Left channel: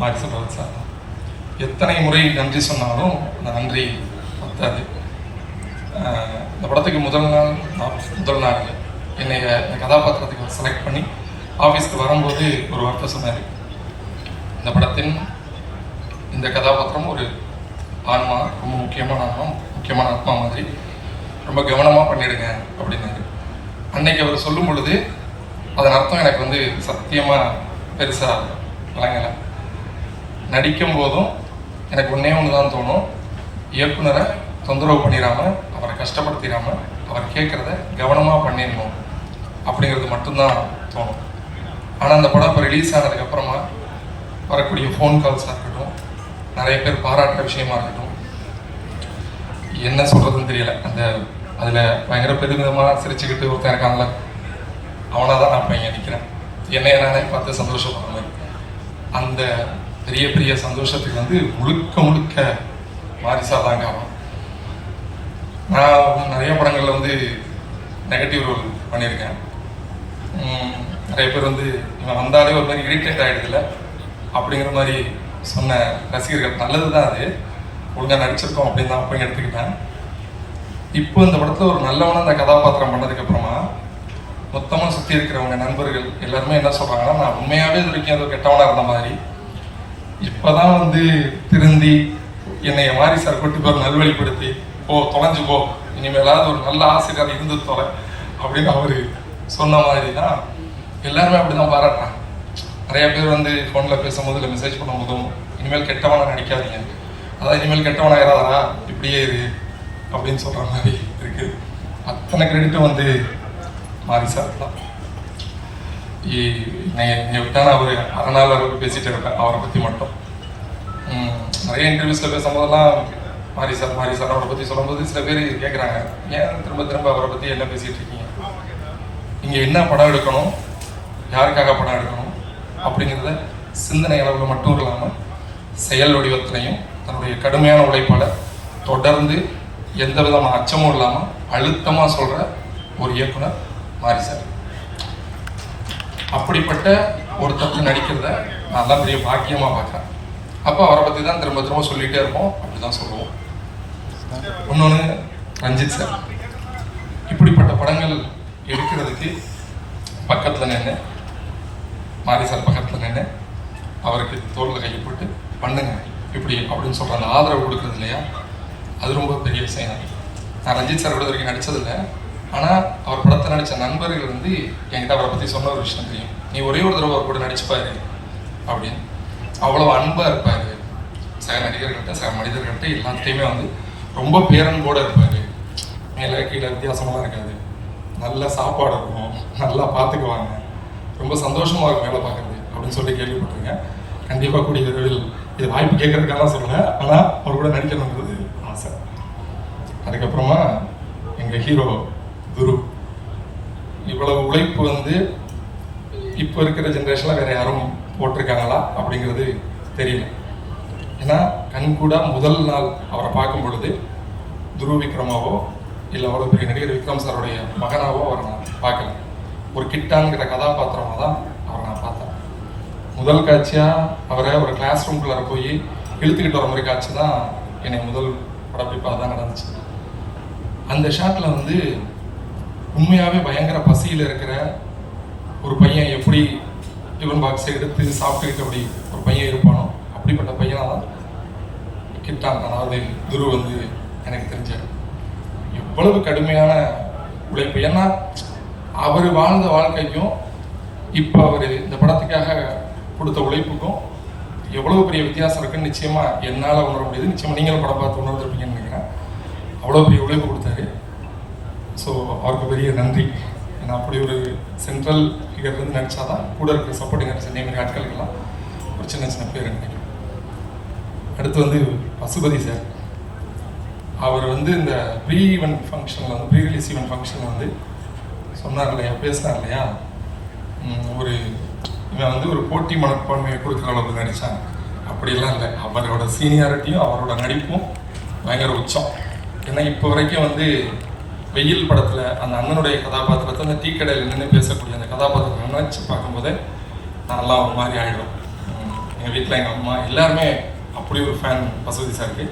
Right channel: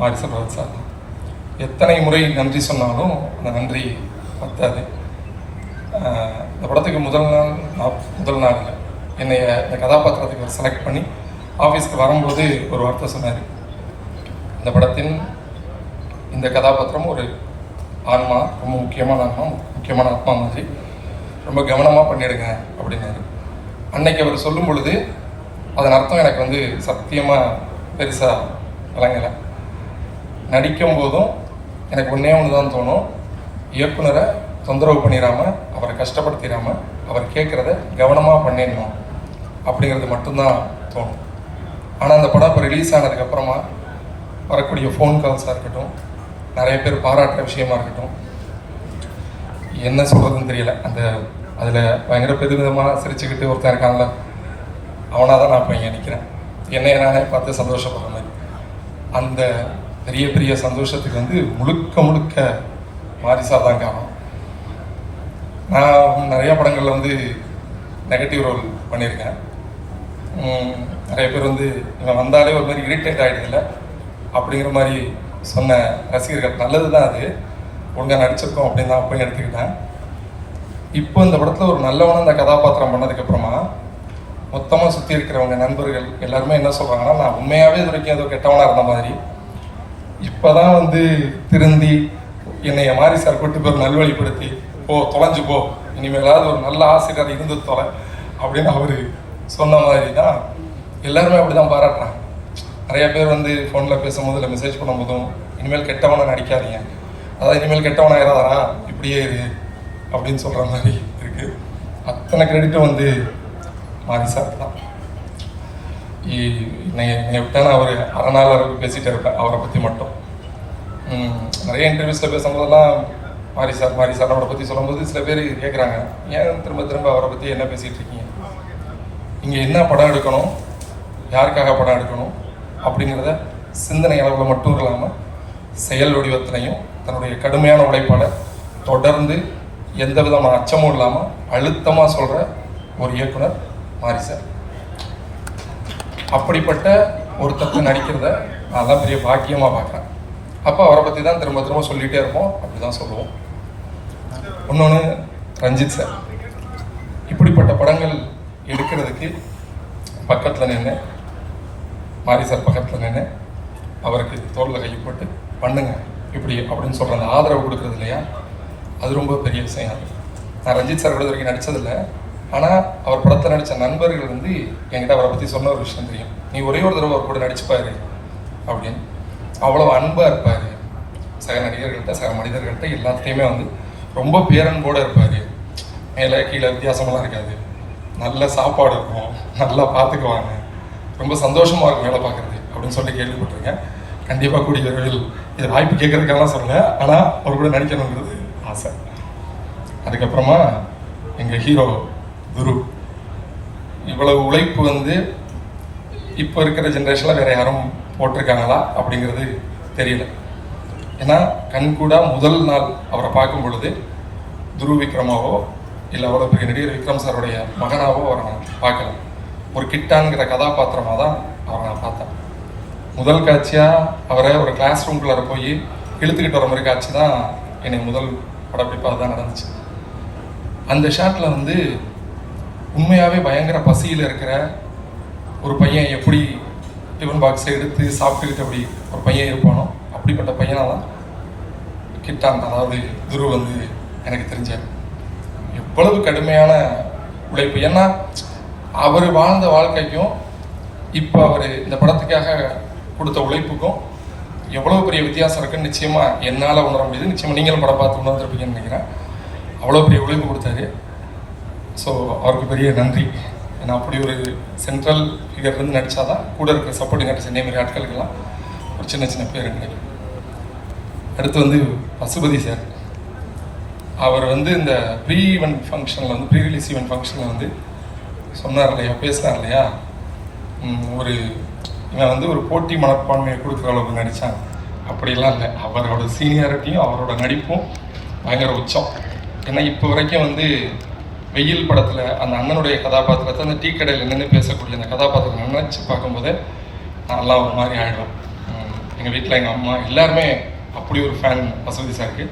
மாரி செல்வராஜ் சார். எத்தனை முறை நன்றி சொன்னாலும் அந்த நன்றி பத்தாது. இந்த படத்துக்கு முதல் நாள் என்னை இந்த கதாபாத்திரத்துக்கு செலக்ட் பண்ணி ஆஃபீஸ்க்கு வரும்போது ஒரு வார்த்தை சொன்னார். இந்த படத்தின் இந்த கதாபாத்திரம் ஒரு ஆன்மா, ரொம்ப முக்கியமான ஆத்மா மாதிரி, ரொம்ப கவனமாக பண்ணிடுங்க அப்படின்னாரு. அன்னைக்கு அவர் சொல்லும் பொழுது அதன் அர்த்தம் எனக்கு வந்து சத்தியமாக பெருசாக விளங்கலை. நடிக்கும் போதும் எனக்கு ஒன்றே ஒன்று தான் தோணும், இயக்குனரை தொந்தரவு பண்ணிடாமல், அவரை கஷ்டப்படுத்திடாமல், அவர் கேட்குறத கவனமாக பண்ணிடணும் அப்படிங்கிறது மட்டும்தான் தோணும். ஆனால் அந்த படம் இப்போ ரிலீஸ் ஆனதுக்கப்புறமா வரக்கூடிய ஃபோன் கால்ஸாக இருக்கட்டும், நிறைய பேர் பாராட்டுற விஷயமா இருக்கட்டும், என்ன சொல்கிறதுன்னு தெரியல. அதில் பயங்கர பெருவிதமாக சிரிச்சுக்கிட்டு ஒருத்தன் இருக்கான்ல, அவனாக தான் நான் இப்போ இங்கே நிற்கிறேன். என்னைய நானே பார்த்து சந்தோஷப்படுற மாதிரி. அந்த பெரிய பெரிய சந்தோஷத்துக்கு வந்து முழுக்க மாரிசா தாங்க ஆகும். நான் நிறைய படங்களில் வந்து நெகட்டிவ் ரோல் பண்ணியிருக்கேன். நிறைய பேர் வந்து இவன் வந்தாலே ஒரு மாதிரி இரிட்டேட் ஆகிடுதில்ல அப்படிங்கிற மாதிரி சொன்ன ரசிகர்கள். நல்லது தான், அது ஒழுங்காக நடிச்சிருக்கோம் அப்படின்னு தான் அப்போ எடுத்துக்கிட்டேன். இப்போ இந்த படத்தில் ஒரு நல்லவனாக அந்த கதாபாத்திரம் பண்ணதுக்கப்புறமா மொத்தமாக சுற்றி இருக்கிறவங்க நண்பர்கள் எல்லாருமே என்ன சொல்கிறாங்கன்னா, நான் உண்மையாகவே இது வரைக்கும் ஏதோ கெட்டவனாக இருந்த மாதிரி, இப்போ தான் வந்து திருந்தி என்னைய மாரி சார் கூட்டு போய் நல்வழிப்படுத்தி தொலைஞ்சு போ, இனிமேலாவது ஒரு நல்ல ஆசிரியர் இருந்து தொலை அப்படின்னு அவர் சொன்ன மாதிரி தான் எல்லாருமே அப்படி தான் பாராட்டுறாங்க. நிறைய பேர் வந்து ஃபோனில் பேசும்போது இல்லை மெசேஜ் பண்ணும்போதும், இனிமேல் கெட்டவனாக நடிக்காதீங்க, அதாவது இனிமேல் கெட்டவனாயிராதரா இப்படியே இது அப்படின்னு சொல்கிற மாதிரி இருக்குது. அத்தனை கிரெடிட்டும் வந்து மாரி சார் தான். என்னை விட்டால் அவர் அரை நாள் வரைக்கும் பேசிகிட்டே இருப்பேன் அவரை பற்றி மட்டும். நிறைய இன்டர்வியூஸில் பேசும்போதெல்லாம் மாரி சார் அவரை பற்றி சொல்லும்போது சில பேர் கேட்குறாங்க, ஏன் திரும்ப அவரை பற்றி என்ன பேசிகிட்டு இருக்கீங்க, இங்கே என்ன படம் எடுக்கணும், யாருக்காக படம் எடுக்கணும் அப்படிங்கிறத சிந்தனை அளவில் மட்டும் இல்லாமல் செயல் வடிவத்திலையும் தன்னுடைய கடுமையான உழைப்பால் தொடர்ந்து எந்த விதமான அச்சமும் இல்லாமல் அழுத்தமாக சொல்கிற ஒரு இயக்குனர் மாரி சார். அப்படிப்பட்ட ஒருத்தருக்கு நடிக்கிறத நான் தான் பெரிய பாக்கியமாக பார்க்குறேன். அப்போ அவரை பற்றி தான் திரும்ப சொல்லிகிட்டே இருப்போம், அப்படி தான் சொல்லுவோம். இன்னொன்று ரஞ்சித் சார். இப்படிப்பட்ட படங்கள் எடுக்கிறதுக்கு பக்கத்தில் நின்று, மாரி சார் பக்கத்தில் நின்று அவருக்கு தோளில் கையப்பட்டு பண்ணுங்க இப்படி அப்படின்னு சொல்கிற அந்த ஆதரவு கொடுக்குறது இல்லையா, அது ரொம்ப பெரிய விஷயம். நான் ரஞ்சித் சார் வரைக்கும் நடித்ததில்லை, ஆனால் அவர் படத்தில் நடித்த நண்பர்கள் வந்து என்கிட்ட அவரை பற்றி சொன்ன ஒரு விஷயம் தெரியும். நீ ஒரே ஒரு தடவை அவர் கூட நடிச்சுப்பாரு அப்படின்னு. அவ்வளோ அன்பாக இருப்பார் சக நடிகர்கள்ட்ட, சக மனிதர்கள்ட்ட எல்லாத்தையுமே வந்து ரொம்ப பேரன்போடு இருப்பார். மேலே கீழே வித்தியாசமெல்லாம் இருக்காது. நல்ல சாப்பாடு இருக்கும், நல்லா பார்த்துக்குவாங்க, ரொம்ப சந்தோஷமாக இருக்கும் வேலை பார்க்குறது அப்படின்னு சொல்லி கேள்விப்பட்டிருக்கேன். கண்டிப்பாக கூடிய விரைவில் இது வாய்ப்பு கேட்கறதுக்காக சொல்லலை, ஆனால் அவர் கூட நடிக்கணுங்கிறது ஆசை. அதுக்கப்புறமா எங்கள் ஹீரோ துரு. இவ்வளவு உழைப்பு வந்து இப்போ இருக்கிற ஜென்ரேஷனில் வேறு யாரும் போட்டிருக்காங்களா அப்படிங்கிறது தெரியல. ஏன்னா கண்கூடா முதல் நாள் அவரை பார்க்கும் பொழுது துரு விக்ரமாவோ இல்லை அவ்வளோ பெரிய நடிகர் விக்ரம் சாருடைய மகனாவோ அவரை நான் பார்க்கல. ஒரு கிட்டான்கிற கதாபாத்திரமாக தான் அவரை நான் பார்த்தேன். முதல் காட்சியாக அவரை ஒரு கிளாஸ் ரூம்குள்ளார போய் இழுத்துக்கிட்டு வர மாதிரி காட்சி தான் என்னை முதல் படப்பிடிப்பாக தான் நடந்துச்சு. அந்த ஷாட்டில் வந்து உண்மையாகவே பயங்கர பசியில் இருக்கிற ஒரு பையன் எப்படி டிஃபன் பாக்ஸை எடுத்து சாப்பிட்டுக்கிட்டு அப்படி ஒரு பையன் இருப்பானோ அப்படிப்பட்ட பையனாக தான் கிட்டான், அதாவது துரு வந்து எனக்கு தெரிஞ்சார். எவ்வளவு கடுமையான உழைப்பு, ஏன்னா அவர் வாழ்ந்த வாழ்க்கைக்கும் இப்போ அவர் இந்த படத்துக்காக கொடுத்த உழைப்புக்கும் எவ்வளோ பெரிய வித்தியாசம் இருக்குன்னு நிச்சயமாக என்னால் உணர முடியுது. நிச்சயமாக நீங்களும் படம் பார்த்து உணர்ந்துருப்பீங்கன்னு நினைக்கிறேன். அவ்வளோ பெரிய உழைப்பு கொடுத்தாரு. ஸோ அவருக்கு பெரிய நன்றி. ஏன்னா அப்படி ஒரு சென்ட்ரல் ஃபிகர்லேருந்து நடித்தா தான் கூட இருக்கிற சப்போர்ட்டிங் ஆர்டிஸ்ட் இதேமாரி ஆட்களுக்கெல்லாம் ஒரு சின்ன சின்ன பேர் கிடைக்கும். அடுத்து வந்து பசுபதி சார். அவர் வந்து இந்த ப்ரீ ஈவெண்ட் ஃபங்க்ஷனில் வந்து ப்ரீ ரிலீஸ் ஈவெண்ட் ஃபங்க்ஷனில் வந்து சொன்னார் இல்லையா, பேசுனார் இல்லையா, ஒரு இவன் வந்து ஒரு போட்டி மனப்பான்மையை கொடுக்குற அளவுக்கு நடித்தான். அப்படிலாம் இல்லை, அவரோட சீனியாரிட்டியும் அவரோட நடிப்பும் பயங்கர உச்சம். ஏன்னா இப்போ வரைக்கும் வந்து வெயில் படத்தில் அந்த அண்ணனுடைய கதாபாத்திரத்தை அந்த டீ கடையில் நின்று பேசக்கூடிய அந்த கதாபாத்திரத்தை நினச்சி பார்க்கும்போது நல்லா ஒரு மாதிரி ஆகிடும். எங்கள் வீட்டில் எங்கள் அம்மா எல்லாருமே அப்படி ஒரு ஃபேன் வசதி சாருக்கு.